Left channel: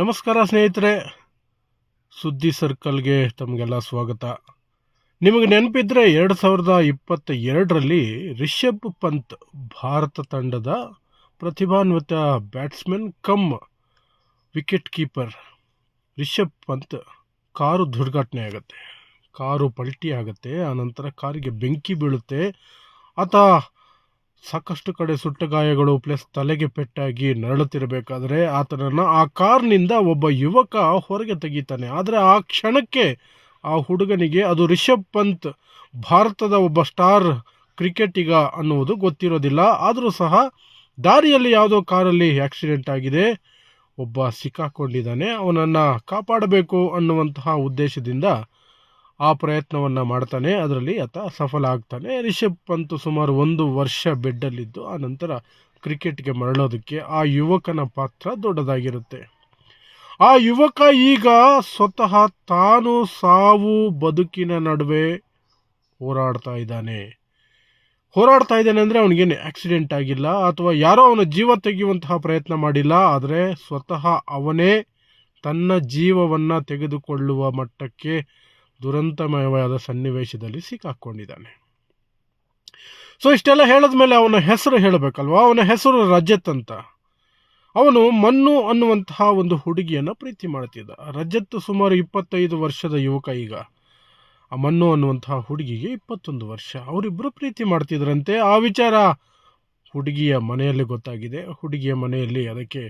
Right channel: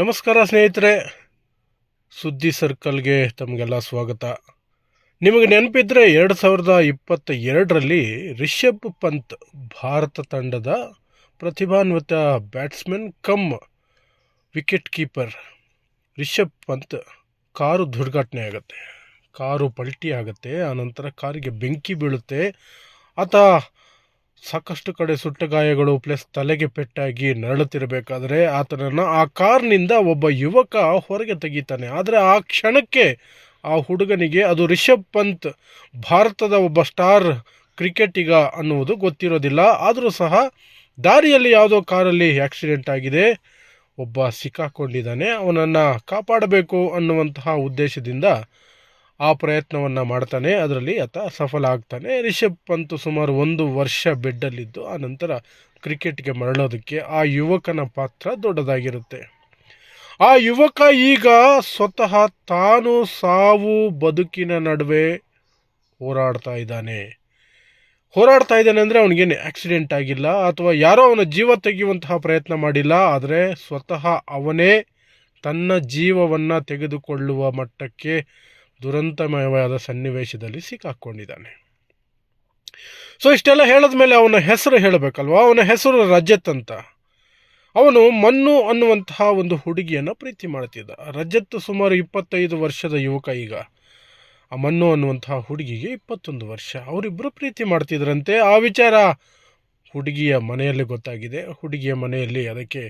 ನಮಸ್ಕಾರ ಸ್ನೇಹಿತರೆ. ಸುದ್ದಿ ಸರ್ಕಲ್ಗೆ ತಮಗೆಲ್ಲ ಸ್ವಾಗತ. ನಿಮಗೆ ನೆನಪಿದ್ರೆ ಎರಡು ಸಾವಿರದ ಇಪ್ಪತ್ತ ಎರಡರಲ್ಲಿ ರಿಷಬ್ ಪಂತ್ ಭಾರತ ತಂಡದ ಪ್ರತಿಭಾನ್ವಿತ batsman cum wicket keeper Rishabh Pant car ದುರ್ಘಟನೆ ಆಗುತ್ತೆ. ಕಾರು ಪಲ್ಟಿ ಆಗುತ್ತೆ, ಆನಂತರ ಕಾರಿಗೆ ಬೆಂಕಿ ಬೀಳುತ್ತೆ. ಆತ ಸಾಕಷ್ಟು ಕಡೆ ಸುಟ್ಟ ಗಾಯಗಳು ಪ್ಲಸ್ ತಲೆಗೆ ಪೆಟ್ಟಾಗಿ ನರಳುತ್ತಿರಬೇಕಾದ್ರೆ ಆತನನ್ನು ಆ ಕಾರ್ನಿಂದ ಒಬ್ಬ ಯುವಕ ಹೊರಗೆ ತೆಗಿತಾನೆ. ಆದರೆ ಆ ಕ್ಷಣಕ್ಕೆ ಆ ಹುಡುಗನಿಗೆ ಅದು ರಿಷಬ್ ಪಂತ್, ಭಾರತದ ಒಬ್ಬ ಸ್ಟಾರ್ ಕ್ರಿಕೆಟಿಗ ಅನ್ನುವುದು ಗೊತ್ತಿರೋದಿಲ್ಲ. ಆದರೂ ಸಹ ದಾರಿಯಲ್ಲಿ ಯಾವುದೋ ಕಾರಲ್ಲಿ ಆಕ್ಸಿಡೆಂಟ್ ಆಗಿದೆ. ಒಬ್ಬ ಸಿಕ್ಕಾಕೊಂಡಿದ್ದಾನೆ. ಅವನನ್ನು ಕಾಪಾಡಬೇಕು ಅನ್ನುವಂತಹ ಉದ್ದೇಶದಿಂದ ಆ ಪ್ರಯತ್ನವನ್ನು ಮಾಡ್ತಾನೆ, ಅದರಲ್ಲಿ ಆತ ಸಫಲ ಆಗ್ತಾನೆ. ರಿಷಬ್ ಪಂತ್ ಸುಮಾರು ಒಂದು ವರ್ಷ ಬೆಡ್ಡಲ್ಲಿದ್ದು, ಆ ನಂತರ ಕ್ರಿಕೆಟ್ಗೆ ಮರಳೋದಕ್ಕೆ ಆ ಯುವಕನ ಪಾತ್ರ ದೊಡ್ಡದಾಗಿರುತ್ತೆ. ಆ ಯುವಕ ಈಗ ಸ್ವತಃ ತಾನು ಸಾವು ಬದುಕಿನ ನಡುವೆ ಹೋರಾಡ್ತಾ ಇದ್ದಾನೆ. ಹೋರಾಡ್ತಾ ಇದ್ದಾನೆ ಅಂದರೆ ಅವನಿಗೇನು ಆಕ್ಸಿಡೆಂಟ್ ಆಗಿಲ್ಲ, ಅಥವಾ ಯಾರೋ ಅವನ ಜೀವ ತೆಗೆಯುವಂತಹ ಪ್ರಯತ್ನ ಮಾಡಿಲ್ಲ, ಆದರೆ ಸ್ವತಃ ಅವನೇ ತನ್ನ ಜೀವವನ್ನು ತೆಗೆದುಕೊಳ್ಳುವ ಮಟ್ಟಕ್ಕೆ ದುರಂತಮಯವಾದ ಸನ್ನಿವೇಶದಲ್ಲಿ ಸಿಕ್ಕಾಕ್ಕೊಂಡಿದ್ದಾನೆ ಸೊ ಇಷ್ಟೆಲ್ಲ ಹೇಳಿದ ಮೇಲೆ ಅವನ ಹೆಸರು ಹೇಳಬೇಕಲ್ವಾ? ಅವನ ಹೆಸರು ರಜತ್ ಅಂತ. ಅವನು ಮನ್ನು ಅನ್ನುವಂತಹ ಒಂದು ಹುಡುಗಿಯನ್ನು ಪ್ರೀತಿ ಮಾಡ್ತಿದ್ದ. ರಜತ್ ಸುಮಾರು ಇಪ್ಪತ್ತೈದು ವರ್ಷದ ಯುವಕ ಈಗ. ಆ ಮನ್ನು ಅನ್ನುವಂತಹ ಹುಡುಗಿಗೆ ಇಪ್ಪತ್ತೊಂದು ವರ್ಷ. ಅವರಿಬ್ಬರು ಪ್ರೀತಿ ಮಾಡ್ತಿದ್ರಂತೆ. ಆ ವಿಚಾರ ಹುಡುಗಿಯ ಮನೆಯಲ್ಲಿ ಗೊತ್ತಾಗಿದೆ. ಹುಡುಗಿಯ ಮನೆಯಲ್ಲಿ ಅದಕ್ಕೆ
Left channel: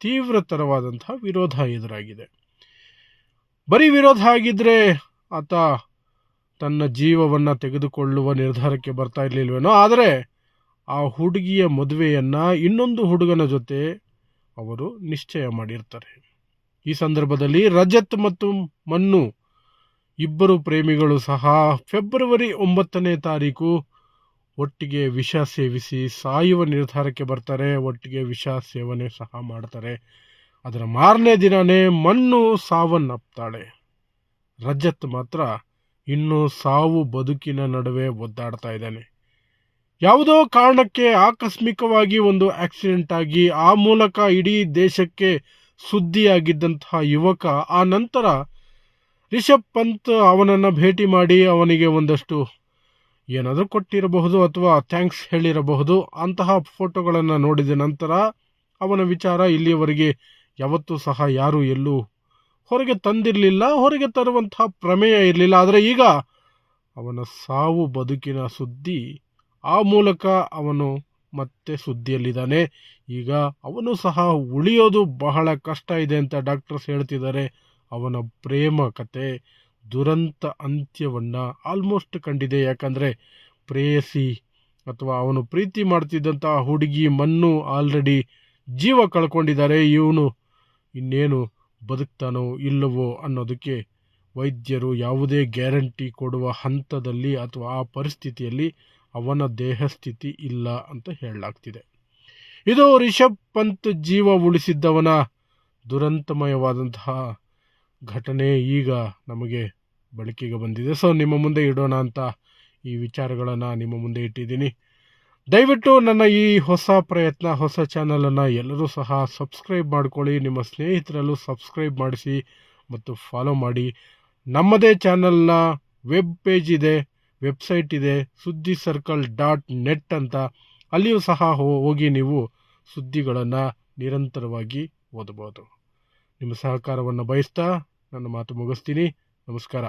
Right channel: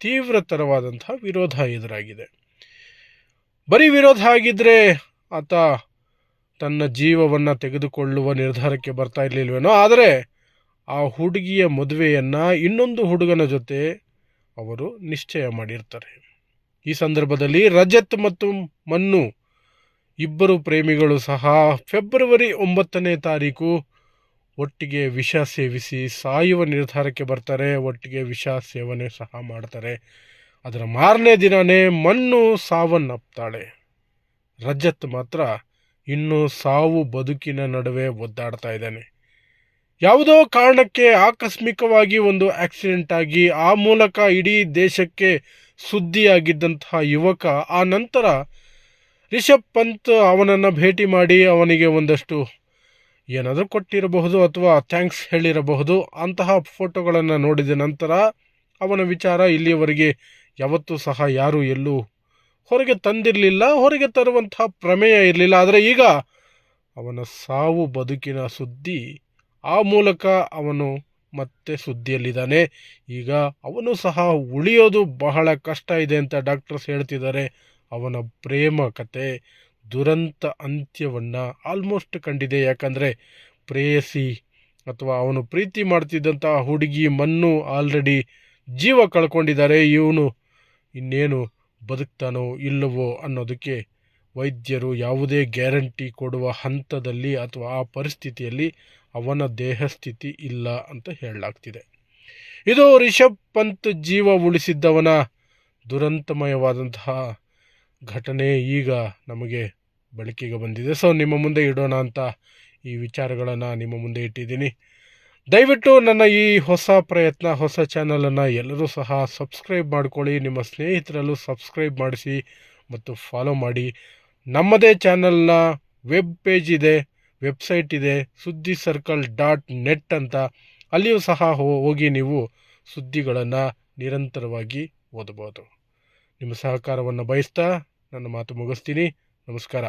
ತೀವ್ರತರವಾದಂತಹ ವಿರೋಧ ಎದುರಾಗಿದೆ. ಬರೀ ವಿರೋಧ ಆಗಿದ್ದರೆ ಆತ ತನ್ನ ಜೀವವನ್ನು ತೆಗೆದುಕೊಳ್ಳುವ ನಿರ್ಧಾರಕ್ಕೆ ಬರ್ತಾ ಇರಲಿಲ್ವೇನೋ, ಆದರೆ ಆ ಹುಡುಗಿಯ ಮದುವೆಯನ್ನು ಇನ್ನೊಂದು ಹುಡುಗನ ಜೊತೆ ಅವರು ನಿಶ್ಚಯ ಮಾಡಿರ್ತಾರೆ. ಈ ಸಂದರ್ಭದಲ್ಲಿ ರಜತ್ ಮತ್ತು ಮನ್ನು ಇಬ್ಬರು ಪ್ರೇಮಿಗಳು ಸಹ ಫೆಬ್ರವರಿ ಒಂಬತ್ತನೇ ತಾರೀಕು ಒಟ್ಟಿಗೆ ವಿಷ ಸೇವಿಸಿ ಸಾಯುವ ನಿರ್ಧಾರಕ್ಕೆ ಬರ್ತಾರೆ. ಒಟ್ಟಿಗೆ ವಿಷ ಸೇವನೆ ಸಹ ಮಾಡ್ತಾರೆ. ಅದರ ಮಾರನೇ ದಿನವೇ ಮಣ್ಣು ಸಾವನ್ನಪ್ತಾಳೆ. ರಜತ್ ಮಾತ್ರ ಇನ್ನೂ ಸಾವು ಬದುಕಿನ ನಡುವೆ ಒದ್ದಾಡ್ತಾ ಇದ್ದಾನೆ. ಯಾವುದೋ ಕಾರಣಕ್ಕೆ ಆಕಸ್ಮಿಕವಾಗಿ ಒಂದು ಆಕ್ಸಿಡೆಂಟ್ ಆಗಿ ಆ ಮೂಲಕ ಇಡೀ ದೇಶಕ್ಕೆ ಸುದ್ದಿಯಾಗಿದ್ದಂತಹ ಯುವಕ, ಆ ನಂತರ ರಿಷಬ್ ಪಂತ್ ಅವನನ್ನು ಭೇಟಿ ಮಾಡಿ ಅವನಿಗೆ ಒಂದಷ್ಟು ಏನಾದರೂ ಕೊಟ್ಟಿರಬಹುದು ಅಥವಾ ಥ್ಯಾಂಕ್ಸ್ ಹೇಳಿರಬಹುದು, ಅಂತಹ ಫೋಟೋಗಳನ್ನು ನೋಡಿದ ನಂತರ ಅವನ ವಿಚಾರ ಇಲ್ಲಿಯವರೆಗೆ ಯಾವತ್ತೂ ಸಹ ಯಾರೂ ಎಲ್ಲೂ ಹೊರಗೆ ತಂದಿರಲಿಲ್ಲ, ಹೊರಗೆ ತರುವಂತಹ ಪ್ರಮೇಯ ಇರಲಿಲ್ಲ. ಆದರೆ ಈಗ ಅವನ ಸಾವು ಬದುಕಿನ ಸುದ್ದಿ, ಆ ಮೂಲಕ ಅವನು ಮತ್ತೆ ಸುದ್ದಿಯಲ್ಲಿದ್ದಾನೆ. ಈಗ ಅವನು ಸಹ ಉಳಿಯೋದು ಬಹಳ ಕಷ್ಟ ಇದೆ ಅಂತ ಡಾಕ್ಟರ್ಸ್ ಹೇಳ್ತಿದ್ದಾರೆ. ಅವನ ಪ್ರೇಮ ಕತೆ, ದುರಂತ ಅಂತ್ಯವನ್ನು ಆಲ್ಮೋಸ್ಟ್ ಕಂಡಿದೆ. ಯಾಕಂದರೆ ಪ್ರೇಯಸಿ ಅಥವಾ ಅವನು ಪ್ರೀತಿ ಮಾಡ್ತಿದ್ದಂಥ ಹುಡುಗಿ ಮಣ್ಣು ಆಲ್ರೆಡಿ ಜೀವ ಕಳ್ಕೊಂಡಿದ್ದಾರೆ. ಇವನು ಇನ್ನೇನು ಬದುಕ್ತಾನೋ ಇಲ್ಲವೋ ಅನ್ನೋದಕ್ಕೆ ವೈದ್ಯರು ಯಾವುದೇ ಗ್ಯಾರಂಟಿ ಕೊಡುವ ಹಂತದಲ್ಲಿ ಅಥವಾ ಆ ಪರಿಸ್ಥಿತಿಯಲ್ಲಿ ಅವನ ದೇಹ ಸ್ಥಿತಿ ಇಲ್ಲ ಅಂತ ಹೇಳಲಾಗ್ತಿದೆ. ಇದು ರಿಷಬ್ ಪಂತ್ ಜೀವ ಉಳಿಸಿದ್ದವನ ದುರಂತಮಯವಾದಂತಹ ಘಟನೆ ಈಗ ನಮಗೆ ಬೆಳಕಿಗೆ ಬಂದಿದೆ. ಸೊ ನಿಮ್ಮ ಮುಂದೆ ಇಡೋಣ ಅಂತ ಈ ವಿಚಾರಗಳನ್ನು ನಿಮ್ಮ ಮುಂದೆ ಇಟ್ಟಿದ್ದೀನಿ. ದಯವಿಟ್ಟು ನನ್ನ ಈ ಹೊಸ ಪ್ರಯತ್ನ, ಹೊಸ ಚಾನಲನ್ನು ಎಲ್ಲರೂ ಸಹ ಸಬ್ಸ್ಕ್ರೈಬ್ ಮಾಡ್ಕೊಳ್ಳಿ. ನಿಮ್ಮ ಸ್ನೇಹಿತರಲ್ಲೂ ಸಬ್ಸ್ಕ್ರೈಬ್ ಮಾಡಿಸಿ ಮತ್ತು ಫಾಲೋ ಮಾಡಿ. ನಮ್ಮದೇ ಚಾನಲ್ನ ವೆಬ್ ಪೇಜ್ ಇದೆ ವೆಬ್ಸೈಟ್ ಇದೆ ಸುದ್ದಿ ಸರ್ಕಲ್ ಡಾಟ್ ನೆಟ್ ಅಂತ. ಅಲ್ಲಿಯೂ ಸಹ ಹೋಗಿ ನೀವು ಸುದ್ದಿಗಳನ್ನು ನಿರಂತರವಾಗಿ ಓದಬಹುದು. ನಿಮ್ಮ ಸಹಕಾರವನ್ನು ಬಯಸ್ತಾ ನನ್ನ ಮಾತು ಮುಗಿಸ್ತೀನಿ. ನಮಸ್ಕಾರ.